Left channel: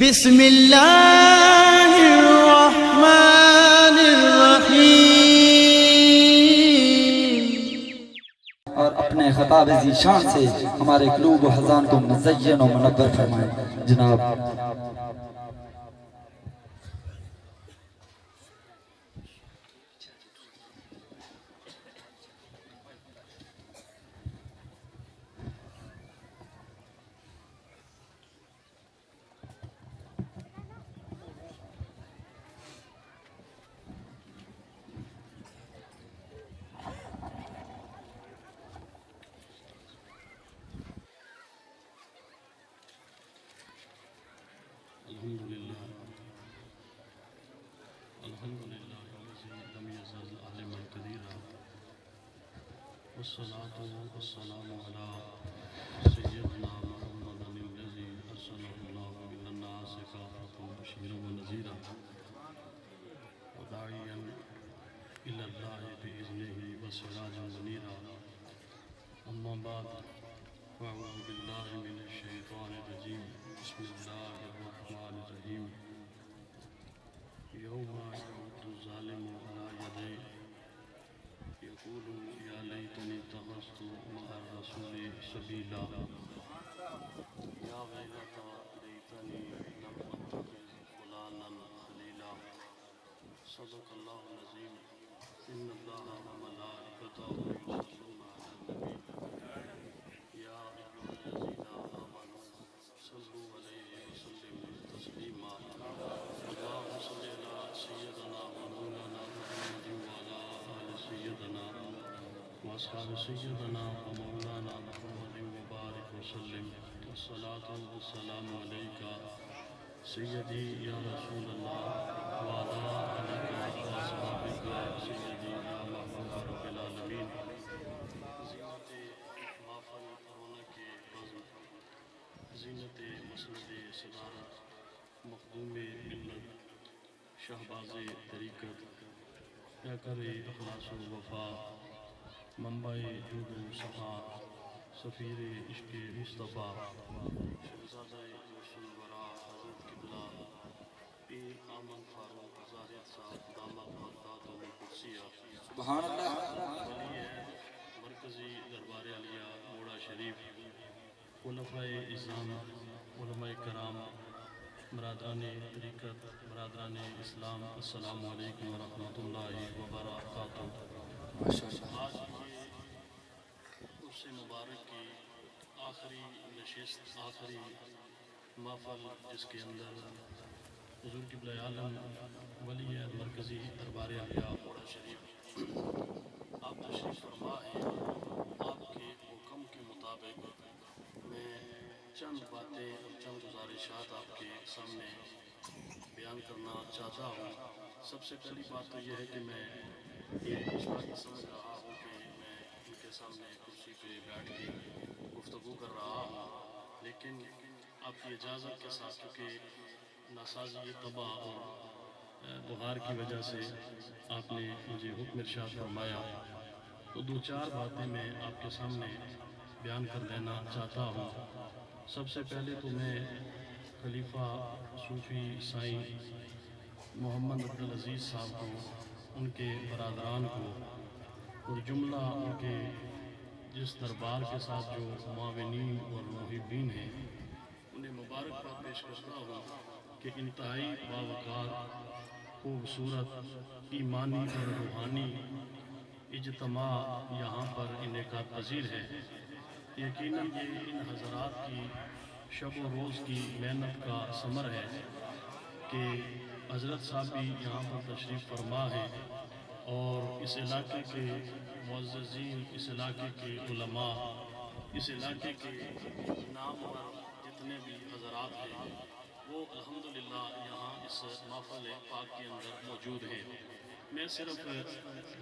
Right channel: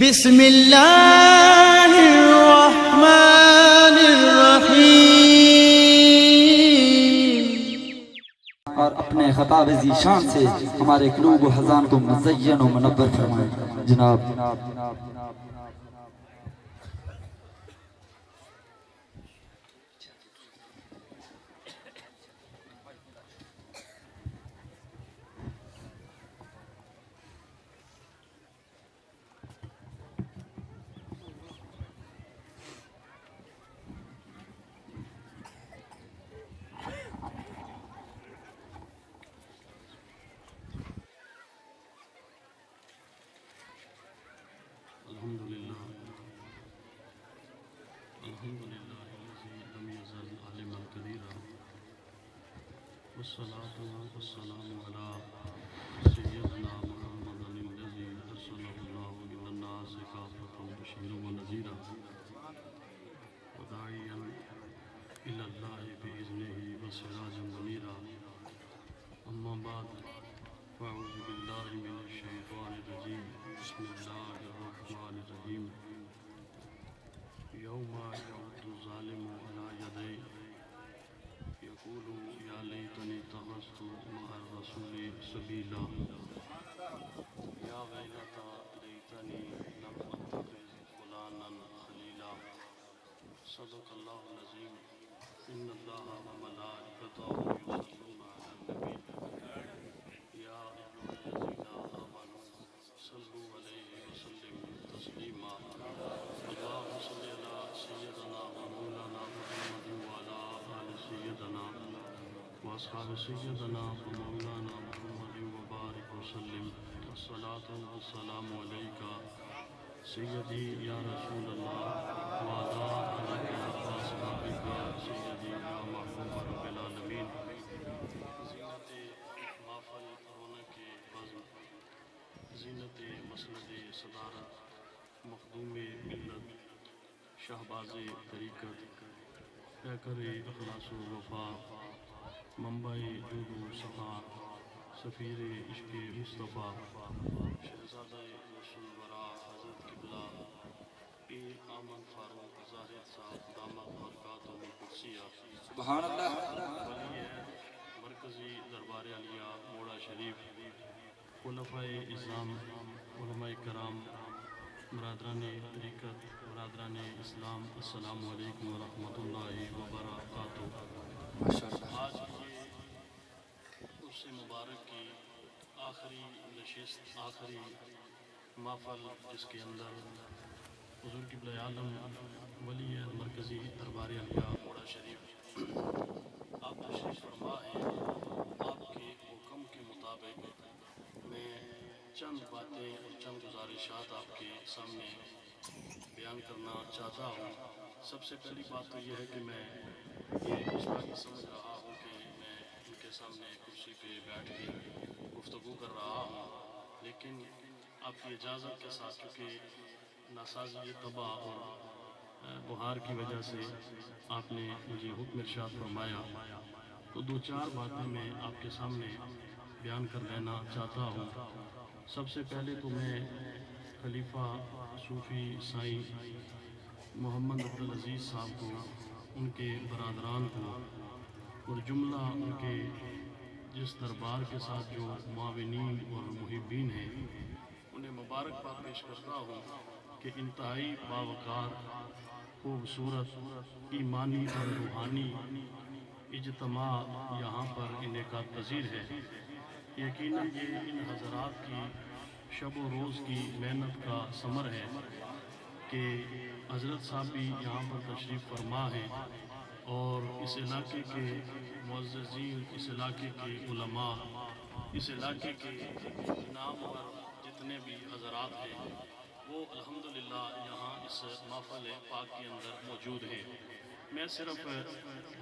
بسم اللہ الرحمن الرحیم۔ اور اپنے خطاب ذیشان سے ہمارے قلوب و حضان کو مزین و منور فرمائیں جناب۔ والصلاة والسلام على سيدنا محمد الذي أرسله الله للناس كافة بشيرا ونذيرا وداعيا إلى الله بإذنه وسراجا منيرا. أما بعد فأعوذ بالله من الشيطان الرجيم. بسم الله الرحمن الرحيم. يوم يعض الظالم على يديه يقول يا ليتني اتخذت مع الرسول سبيلا يا ويلتى ليتني لم اتخذ فلانا خليلا. صدق الله العظيم. ان الله وملائكته يصلون على النبي يا ايها الذين امنوا صلوا عليه وسلموا تسليما. اللهم صل على سيدنا ومولانا محمد وعلى ال سيدنا واصحاب سيدنا ومولانا محمد وبارك وسلم. الصلاة والسلام عليك سيدي يا رسول الله وعلى آلك وصحبك سيدي يا محبوب رب العالمين. زینت محفل رونق بزم، زینت مسند صدارت، مخدوم ملت، شہباز طریقت، پیکر اخلاص و وفا، منبع جود و صفا، سفیر عشق مصطفیٰ، شہزادہ رسول ورا حضرت قبلہ پیر احمد فاروق زاہد صاحب دامت برکاتہ القدسیہ، سبحان اللہ۔ مرکزی دربار عالیہ موڑا شریف، خلفائے اعظام، علماء کرام، برادران طریقت، برادران اسلام، السلام علیکم ورحمۃ اللہ وبرکاتہ۔ آج یہ عرس مبارک کی آخری نشست، آخری محفل، جس کے اندر حضور قبلہ عالم ولی مرکزی دربار عالیہ موڑا شریف آپ تشریف فرما ہیں، آپ کے حکم کے مطابق میں چند باتیں اور چند گزارشات آپ کے سامنے بیان کرنا چاہتا ہوں۔ سب سے پہلی بات تو یہ ہے کہ میں یہ گستاخی سمجھ رہا ہوں کہ میں ان کے سامنے کرسی پہ بیٹھ کے گفتگو کر رہا ہوں، لیکن آپ کی اجازت کے ساتھ، کیونکہ ناسازی طبع اور بخار کی وجہ سے آپ نے مجھے حکم ارشاد فرمایا، تو دو چار باتیں میں آپ کے سامنے بیان کر لینا چاہتا ہوں۔ سب سے پہلے تو میں خلیفہ صوفی سائیں محمد عبدالعزیز صاحب کو، ان کے برادران کو اور جملہ ان کے جس دربار کے ساتھ جو معاونین اور محبین ہیں، انہیں مبارکباد پیش کرتا ہوں کہ انتہائی باوقار، خوبصورت، ایمانی اور روحانی اجتماع یہاں پر انعقاد پذیر ہے۔ یقیناً یہ ان حضرات کی شب و روز کی محنت کا ثمر ہے کہ حضرت صاحب بھی یہاں پر تشریف فرما ہے، اور اس علاقے کے معززین، اس علاقے کے علماء، اس علاقے کے نامور جتنے بھی حضرات ہیں، وہ الحمدللہ یہاں اس محفل پاک کے اندر موجود ہیں۔ میں صرف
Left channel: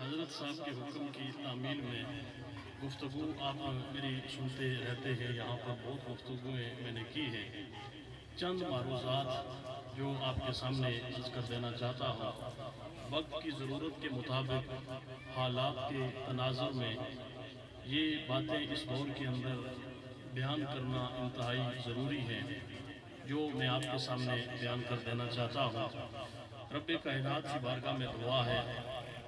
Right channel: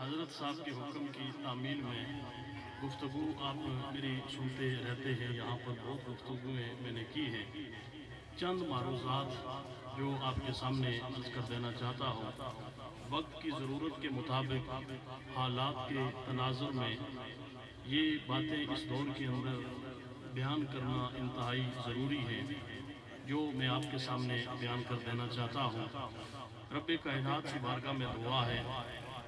حضرت صاحب کے حکم کی تعمیل میں گفتگو آپ میری سنتے رہتے ہیں، یہاں پر بہت گفتگویں میں نے کی ہیں، چند معروضات جو آپ کے سامنے عرض کر دینا چاہتا ہوں۔ وقت کی ضرورت کے مطابق، حالات کے تناظر میں یہ باتیں اس دور کے اندر بیان کرنا انتہائی ضروری ہے۔ جو میں آپ کے سامنے بیان کر دینا چاہتا ہوں۔ رب کائنات کی بارگاہ میں دعا ہے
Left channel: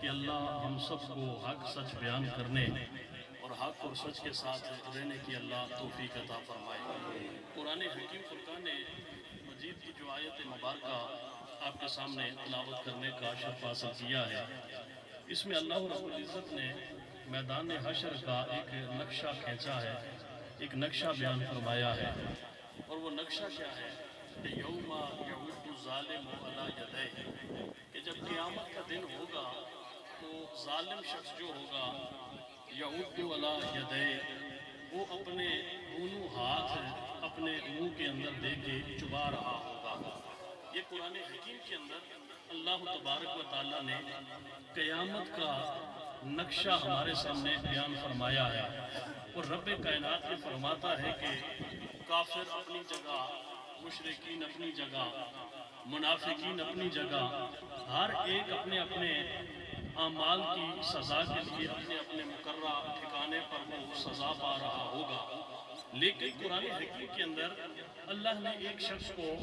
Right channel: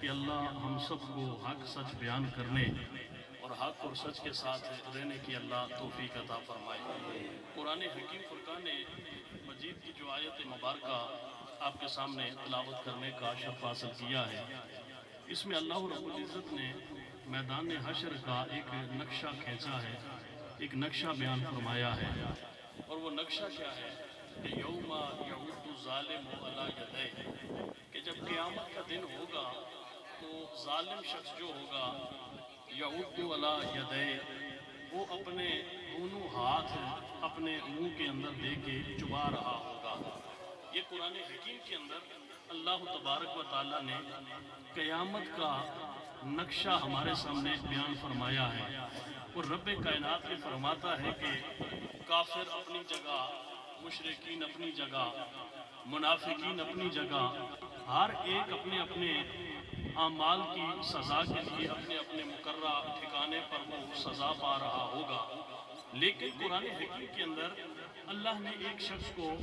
کہ اللہ ہم سب کو حق سچ بیان کرنے اور حق اور سچ کے ساتھ رہنے کی اللہ توفیق عطا فرمائے۔ قرآن حکیم فرقان مجید کی جو آیت مبارکہ آپ کے سامنے تلاوت کرنے کا شرف حاصل کیا ہے، اس میں اللہ رب العزت نے میدان حشر کا ایک نقشہ کھینچا ہے، ایک نقشہ بیان فرمایا ہے، اور وہ نقشہ کیا ہے کہ یوم یعود الظالم علی یدیہ، کہ جب قیامت کا دن ہوگا تو ظالم شخص جو ہوگا یعود علی یدیہ، وہ اپنے دونوں ہاتھ اپنے منہ کے اندر دے کے چبا رہا ہوگا۔ یہ قرآن حکیم کے اندر اللہ تبارک و تعالیٰ نے قیامت کا نقشہ ہمارے سامنے بیان فرمایا ہے، اور رب کائنات نے فرماتا ہے کہ کافر اپنی جگہ، مشرکین اپنی جگہ، منافقین اپنی جگہ، ہر ایک اپنے اپنے اعمال کی سزا کے لیے اپنے اپنے مقررہ ٹھکانے پر وہ سزا پا رہا ہوگا۔ لیکن قرآن حکیم کے اندر اللہ نے ایک شخص کو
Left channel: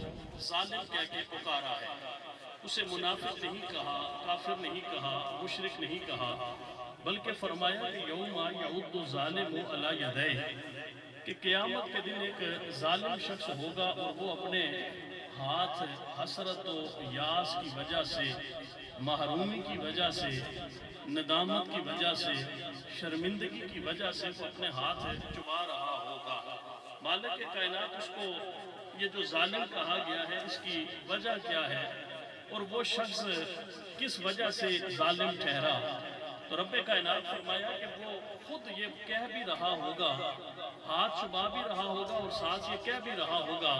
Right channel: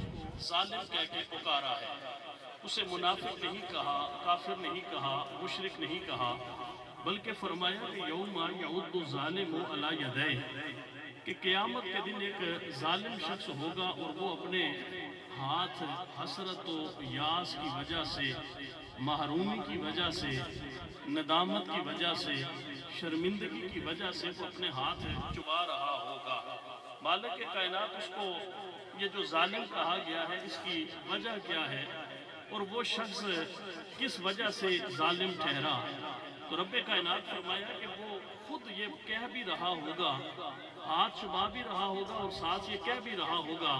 ظالم کہہ کے پکارا ہے، اسے منافق نہیں کہا، کافر نہیں کہا، مشرک نہیں کہا، بلکہ فرمایا کہ یوم یعود الظالم علی یدیہ، کہ قیامت کے دن ایک ظالم شخص ہوگا اور وہ اپنے ہاتھ حسرت و یاس کی وجہ سے، محرومی کی وجہ سے، ندامت کی وجہ سے، شرمندگی کی وجہ سے وہ اپنے ہاتھ چبا رہا ہوگا۔ مالک کائنات اس کو یہ جو ظالم کہا گیا ہے اس کی وجہ کیا ہے، اور وہ شخص کس وجہ سے ظالم ٹھہرا؟ تو رب کائنات فرمایا کہ وہ خود یہ کہہ بھی رہا ہوگا، ہاتھ چبا بھی رہا ہوگا اور ساتھ یہ کہہ بھی رہا ہوگا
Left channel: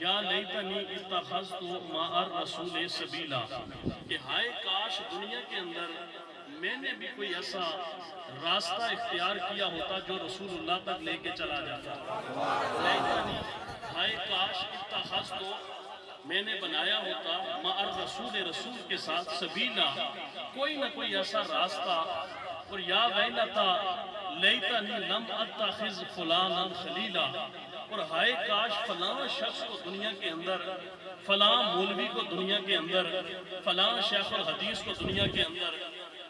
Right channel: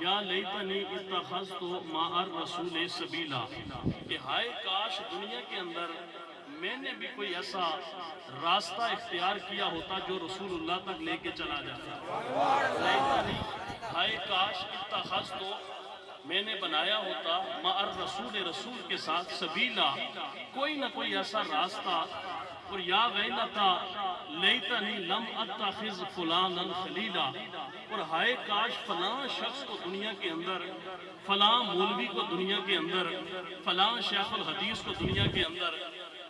یا لیتنی اتخذت مع الرسول سبیلا، کہ ہائے کاش دنیا کے اندر میں نے بھی کوئی ایسا راستہ اختیار کیا ہوتا جو رسول اللہ تک لے کے چلا جاتا۔ ہائے کاش اتخذت، میں نے بنایا ہوتا مع الرسول، رسول کے ساتھ سبیلا، کوئی نہ کوئی ایسا راستہ، اور یا ویلتا لیتنی لم اتخذ فلانا خلیلا، اور ہائے کاش فلاں شخص کو دنیا کے اندر، فلاں مولوی کو دنیا کے اندر، فلاں شیخ الحدیث کو دنیا کے اندر،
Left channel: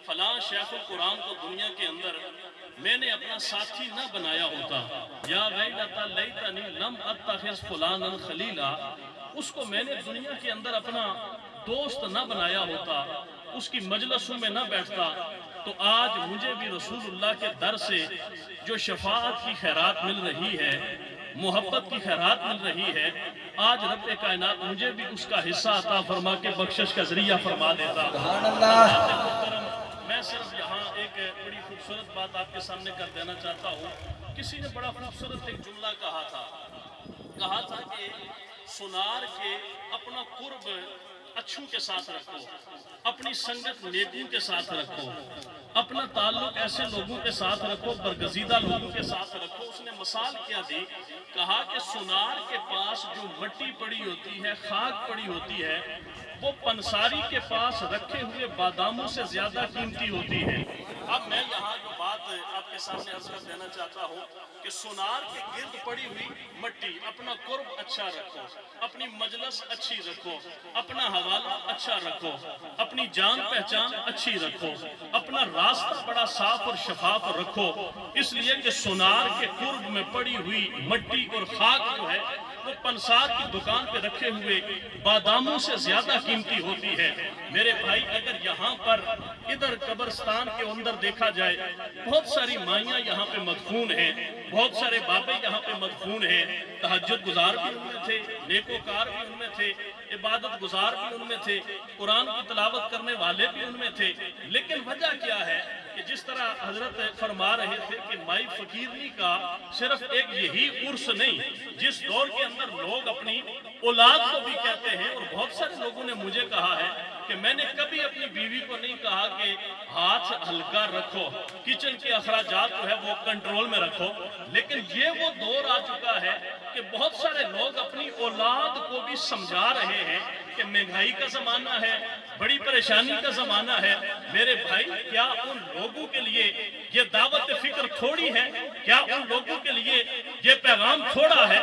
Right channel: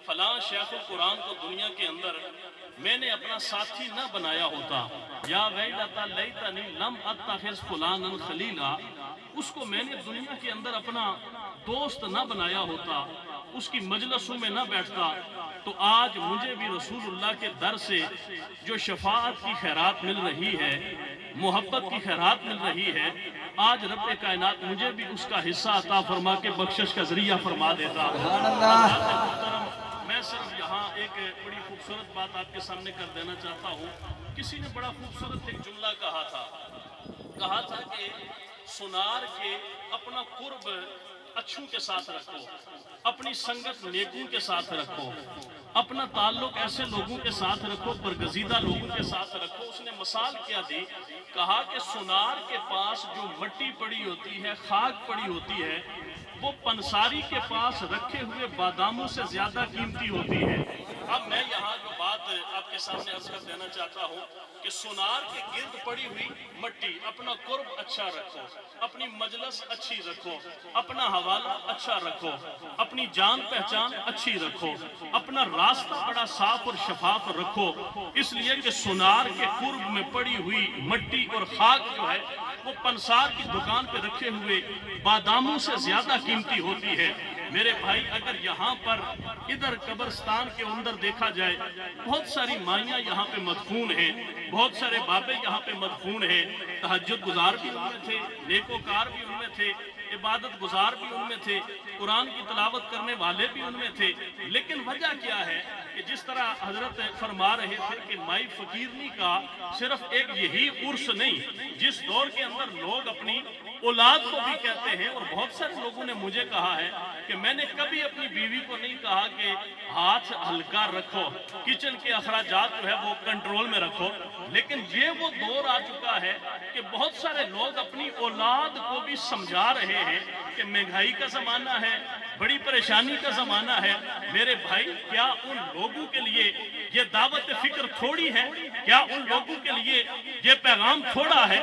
فلاں شیخ القرآن کو دنیا کے اندر میں نے اپنا ساتھی نہ بنایا ہوتا۔ یا ویلتا لیتنی لم اتخذ فلانا خلیلا، اس کو میں نے دنیا کے اندر اپنا دوست نہ بنایا ہوتا، اس کی مجلسوں میں نہ بیٹھتا، تو آج مجھے بھی رسول اللہ کے در سے جو شفاعت کی خیرات مل رہی ہے، محبت کی خیرات مل رہی ہے، آج رب کائنات مجھے بھی اس کا حصہ عطا فرما کے بخشش کا ذریعہ فرما دیتا۔ سبحان اللہ۔ میں صرف یہاں ایک بڑی خوبصورت بات آپ کے سامنے کر دینا چاہتا ہوں۔ کسی نے بڑا خوبصورت ایک جملہ کہا تھا کہ سنار کے اپنا قرب اچھوں کے ساتھ رکھو، اپنی سنگت نیکوں کے ساتھ رکھو، اپنا تعلق ایسے لوگوں کے ساتھ رکھو، برگزیدہ لوگوں کے ساتھ رکھو۔ اس نے مثال کیا دی؟ کہا کہ سنار کے پاس جو مٹی پڑی ہوتی ہے، خاک پڑی ہوتی ہے، وہ پنساری کے پاس رکھے ہوئے باداموں سے زیادہ قیمتی ہوتی ہے۔ اب میں یہاں جو بات آپ کے سامنے عرض کر دینا چاہتا ہوں کہ سونار کے گرد پڑی ہوئی مٹی، اپنا قرب اچھا رکھو، اپنی مجلس اچھی رکھو، اپنا حوالہ اچھا رکھو، اپنی جان پہچان اچھی رکھو، اپنا راستہ بڑا صاف اور شفاف رکھو، اس لیے کہ سونار کے قرب میں پڑی ہوئی مٹی اور خاک جو ہے وہ پنسار کی دکان پہ رکھے ہوئے باداموں سے زیادہ قیمتی ہوتی ہے۔ میرے بھائی، اگر یہاں پر ادھر قبرستان کے اندر دیکھا جائے، بہت ساری مائیاں یہاں پہ مدفون ہیں، بہت سارے بابے یہاں پہ مدفون ہیں، تہجد گزار بھی ان میں تھے، نیکوکار بھی ان میں تھے، عبادت گزار بھی ان میں تھے، قرآن کی تلاوت کرنے والے بھی ان میں تھے، لیکن وجہ کیا ہے کہ جس طرح حضرت فرما رہے تھے کہ مائی فقیرنی کا صرف ایک یہی عرس نہیں، جس دور کے اندر لوگ اپنی اولاد کو بھی کہتے ہیں، اور بہت سارے لوگوں نے مجھے کہا ہے کہ میں نے کبھی اپنی بیوی کو نہیں کہا کہ ہاتھ ہلکا رکھو، کچن کے اخراجات جو ہے وہ کنٹرول میں رکھو، لیکن یہ وہ دور آ چکا ہے کہ بہت سارے لوگ اپنی اولاد کو بھی سمجھا رہے ہیں کہ مہنگائی کا زمانہ ہے، بڑی پریشانی کا زمانہ ہے۔ میرے بھائی، کیا ان لوگوں کے لیے یہ دعوت فکر تھوڑی ہے؟ کیا ان لوگوں کے لیے یہ پیغام تھوڑا ہے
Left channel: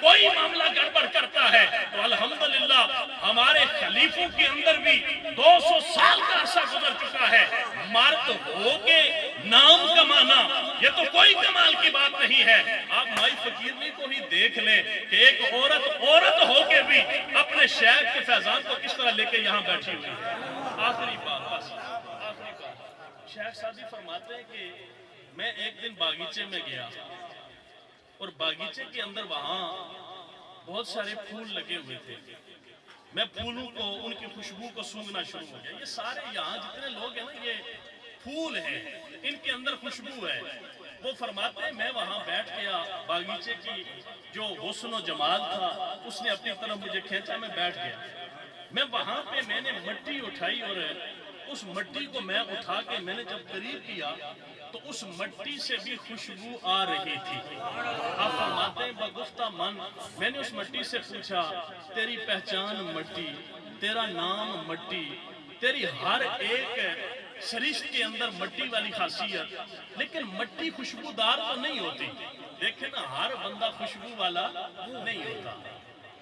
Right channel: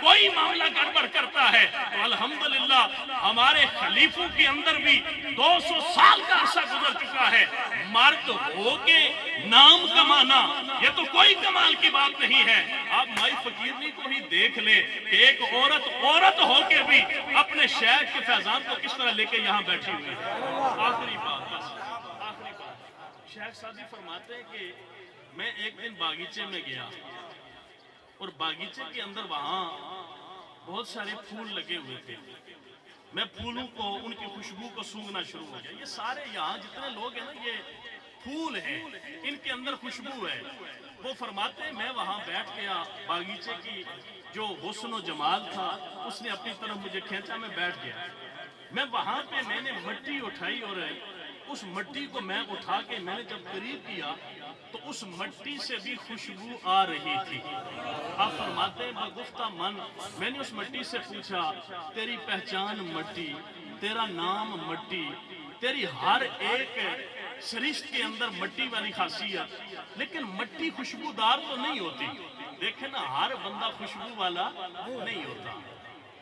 کوئی معاملہ گڑبڑ کرتا ہے تو الحمدللہ ہمارے خلیفوں کے اندر بھی 200 سال کا عرصہ گزر چکا ہے. مرد ہو کے نام کمانا یہ تو کوئی کمال کی بات نہیں ہے. آپ مائی فقیرنی کو ہی دیکھ لیں کہ ایک عورت ہو کے بھی اپنے شہر کے فیضان کو کس طرح لے کے یہاں بیٹھی ہوئی ہے. آخری بات بس شیخ سعدی فرماتے ہیں کہ میں ایک دن باغیچے میں گیا اور باغیچے کے اندر وہاں بہت سارے پھول لگے ہوئے تھے. میں پھولوں کو ان کی خوشبو کو سونگھنا شروع ہو گیا. یہ سارے یہاں جتنے لوگ ہیں نا یہ پھول ہیں, ان کے اندر خوشبو ہے. وہ فرماتے ہیں میں وہاں بیٹھ گیا, باغیچے کی جو حسن و جمال تھا اس نے اپنی طرف مجھے کھینچا, میں بیٹھ گیا. میں وہاں پہ میں نے مٹی اٹھائی اور اس مٹی کو میں اٹھا کے میں نے جب قریب کیا تو اس مٹی سے بھی خوشبو آ رہی تھی. آپ فرماتے ہیں بگفتہ من میں نے اس مٹی سے پوچھا تیری پہچان مٹی, تیرا نام مٹی, تیری ہر ایک سرشت کے اندر مٹی والی خاصیت, لیکن مٹی خوشبودار تو نہیں ہوتی. دیکھیں نا ہر بندہ خوشبو والا نہیں ہوتا.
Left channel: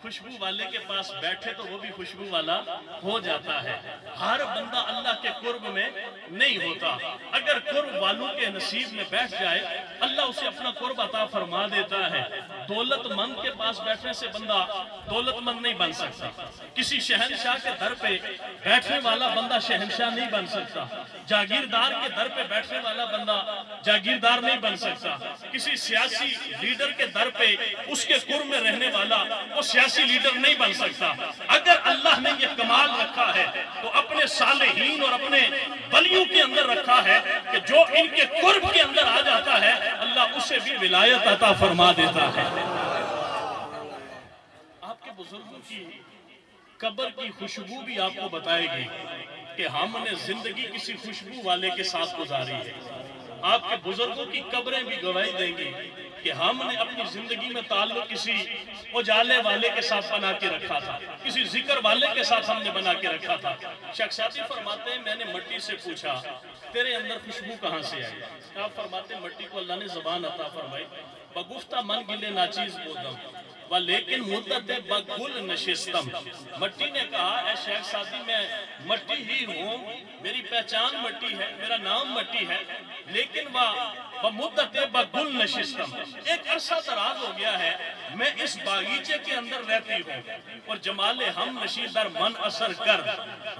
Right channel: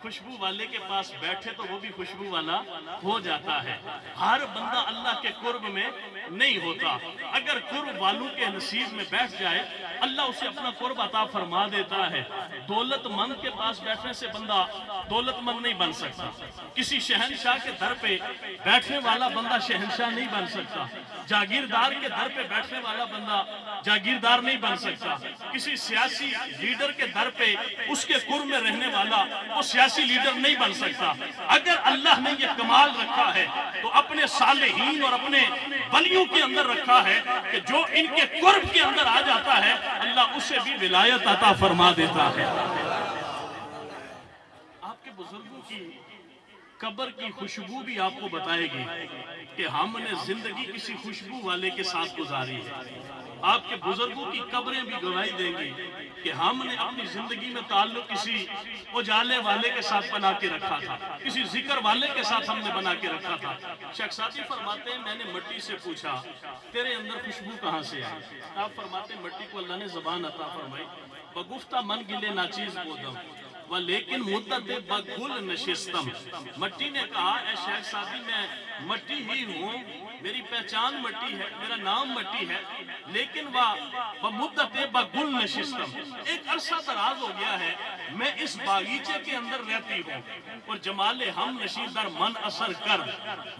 خوشبو والے کے پاس بیٹھے تو وہ بھی خوشبو والا ہو جاتا ہے. ہر بندہ اللہ کے قرب میں نہیں ہوتا. اگر قرب والوں کے نصیب میں بیٹھ جائے اللہ اسے اپنا قرب عطا فرما دیتا ہے. دولت مند کے پاس بیٹھنے سے بندہ دولت مند نہیں بن سکتا. کسی شہنشاہ کے در پہ بیٹھنے والا بندہ شہنشاہ نہیں بن سکتا. جاگیردار کے در پہ بیٹھنے والا بندہ جاگیردار نہیں بن سکتا. کسی سیاسی لیڈر کے در پہ اس کے قرب میں رہنے والا وہ سیاسی لیڈر نہیں بن سکتا. اگر اللہ نے یہ کمال رکھا ہے تو اپنے صالحین اور اپنے ولیوں کے اندر رکھا ہے کہ جو ان کے قرب کے اندر آ جاتا ہے اللہ اسے بھی ولایت عطا فرما دیتا ہے. آپ کے بزرگوں کی قبر کی خوشبو بھی آپ کو بتائے گی کہ ہم نے زندگی کسی خوشبو والے کے ساتھ گزاری ہے. آپ کے بزرگوں کی قبریں بھی گواہی دیں گی کہ ہم نے اپنی زندگی میں تعلق کسی اجالے والے کے ساتھ بنا کے رکھا تھا, کسی ذکر والے کے ساتھ ہم نے بنا کے رکھا تھا. شیخ سعدی فرماتے ہیں میں نے مٹی سے پوچھا تیرے اندر خوشبو کہاں سے آئی. آپ فرماتے ہیں مٹی کو اللہ نے زبان عطا فرمائی. بگفتہ من گلے ناچیز بودم لیکن مدت بگل نشستم. مٹی نے کہا اے شیخ سعدی میں مٹی ہی ہوں, میری پہچان مٹی ہے, میرا نام مٹی ہے, لیکن وہ مدت بگل نشستم ایک عرصہ دراز ہو گیا ہے میں اس باغیچے کے اندر رہتی ہوں اور جمال ہم نشی در من اثر کر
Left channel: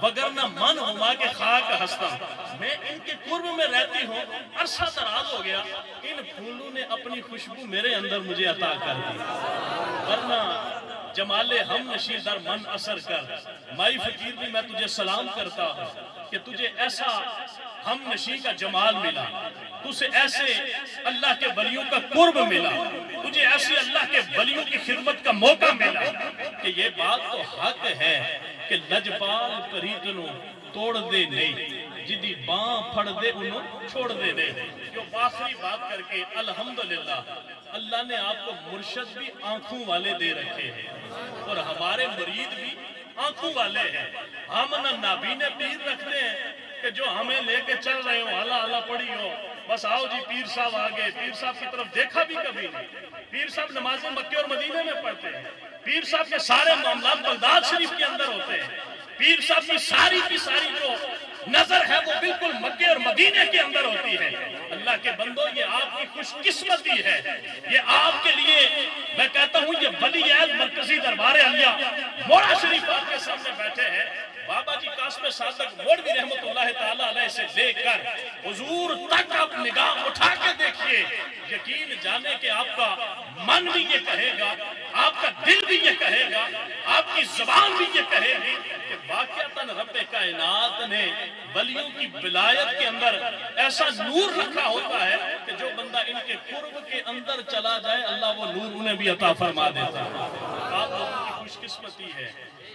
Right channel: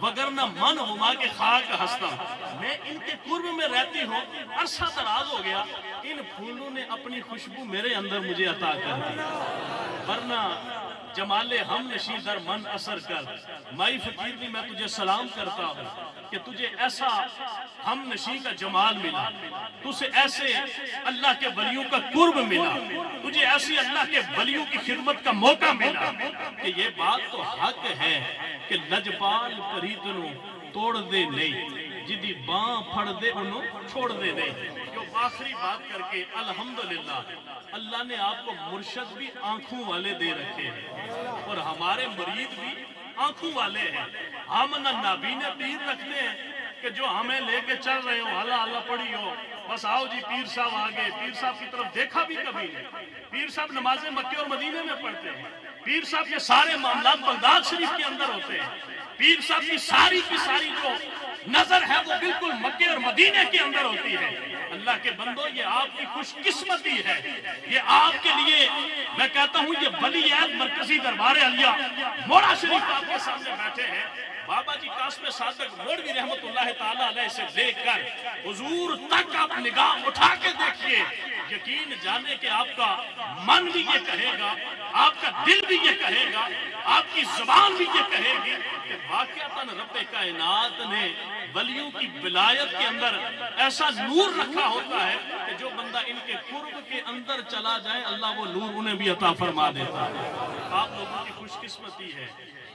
وگرنہ من ہما کے خاک ہستم. میں ان کے قرب میں رہتی ہوں, عرصہ دراز ہو گیا, ان پھولوں نے اپنی خوشبو میرے اندر مجھے عطا کر دی, ورنہ جمال ہم نشی در من اثر کر. مائی فقیر بھی میں تجھے سلام کرتا ہوں کہ تجھے ایسا ہم نشی کا جمال ملا, تجھے ایسے اللہ کے ولیوں کا قرب ملا, تجھے ایسی اللہ کے ولیوں کی خدمت کا موقع ملا کہ یہ بات تو حق ہے کہ لجپال پریتنوں توڑ دے نہیں, جدی باں پھڑ دے انہوں چھوڑ دے نہیں. جو آخری بات کر کے الحمدللہ اللہ نے آپ کو مرشد بھی آنکھوں والے دے رکھے ہیں اور ہمارے مرید بھی آنکھوں والے ہیں. ہم نہ نابینے پیر رکھتے ہیں کہ جو ہمیں لے کے چل رہے ہو اللہ اللہ پڑھی ہو, بس آؤ جی پیر صاحب آگے. پیر صاحب کی طرف دیکھا بھی کبھی نہیں. پیر صاحب نمازیں مکے اور مدینے میں پڑھتے ہیں. پیر صاحب کے سارے معاملات بغداد شریف کے اندر ہوتے ہیں. پیر صاحب کی ساری جو نظر ہے وہ بالکل مکے اور مدینے کے اندر ہوتی ہے. اللہ کے بندو یہ آپ کی خوش قسمتی ہے, یہ آپ کے لیے میں کہتا ہوں یہ ولی عہد مرکزی دربار عالیہ موڑا شریف آپ کے سامنے بیٹھے ہیں. بابا جی قاسم صادق موڑوی رحمت اللہ تعالیٰ علیہ سے لے کر حضور تک آپ نگاہ اٹھا کے دیکھیے, یقین جانے کہ آپ کا من بھی یہ کہے گا, آپ کا دل بھی یہ کہے گا, آپ کی زبان بھی یہ کہے گی کہ واقعتاً رب کائنات نے ولیوں کی ولایت کے اندر ایسا نور رکھا ہوتا ہے کہ جو بندہ ان کے قرب کے اندر چلا جائے اللہ وہ نور انہیں بھی عطا فرما دیتا ہے. آپ لوگوں کی خوش قسمتی ہے,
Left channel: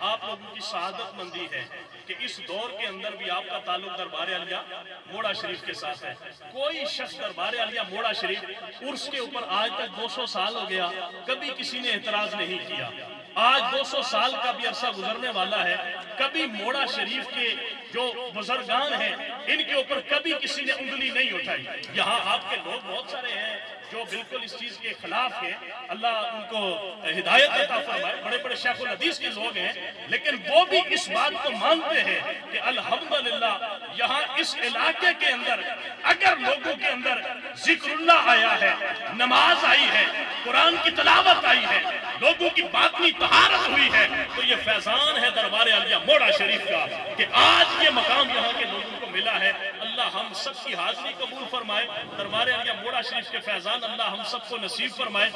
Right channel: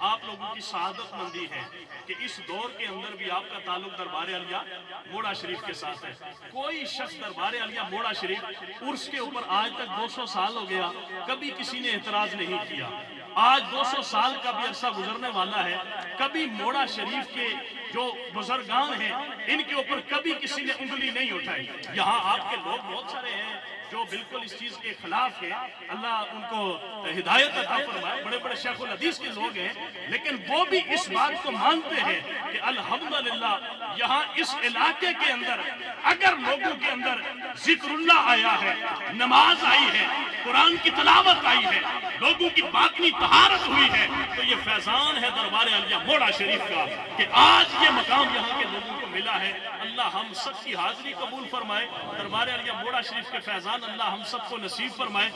آپ لوگوں کی سعادت مندی ہے کہ اس دور کے اندر بھی آپ کا تعلق دربار عالیہ موڑا شریف کے ساتھ ہے. کوئی شخص دربار عالیہ موڑا شریف عرس کے اوپر آج تک 200 سال ہو گیا کبھی کسی نے اعتراض نہیں کیا. آج 200 سال کا بھی عرصہ گزرنے والا ہے, کبھی موڑا شریف کے جو بزرگان ہیں ان کے اوپر کبھی کسی نے انگلی نہیں اٹھائی. یہاں آپ کے لوگ بہت سارے ہیں جو بالکل اس چیز کے خلاف ہیں، اللہ ان کو ہدایت عطا فرمائے، بڑے بڑے شیخ الحدیث کے لوگ ہیں، لیکن وہ بھی اس بات کو مانتے ہیں کہ الحمدللہ یہاں اس علاقے کے اندر اگر لوگوں کے اندر ذکر اللہ آیا ہے، نماز آئی ہے، قرآن کی تلاوت آئی ہے، لوگوں کی باطنی طہارت ہوئی ہے، تو یہ فیضان ہے دربار عالیہ موڑا شریف کا کہ آج یہ مقام یہاں کے لوگوں کو ملا ہے۔ اللہ ہم سب کی حاضری قبول فرمائے، دربار عالیہ موڑا شریف کے فیضان اللہ ہم سب کو نصیب فرمائے۔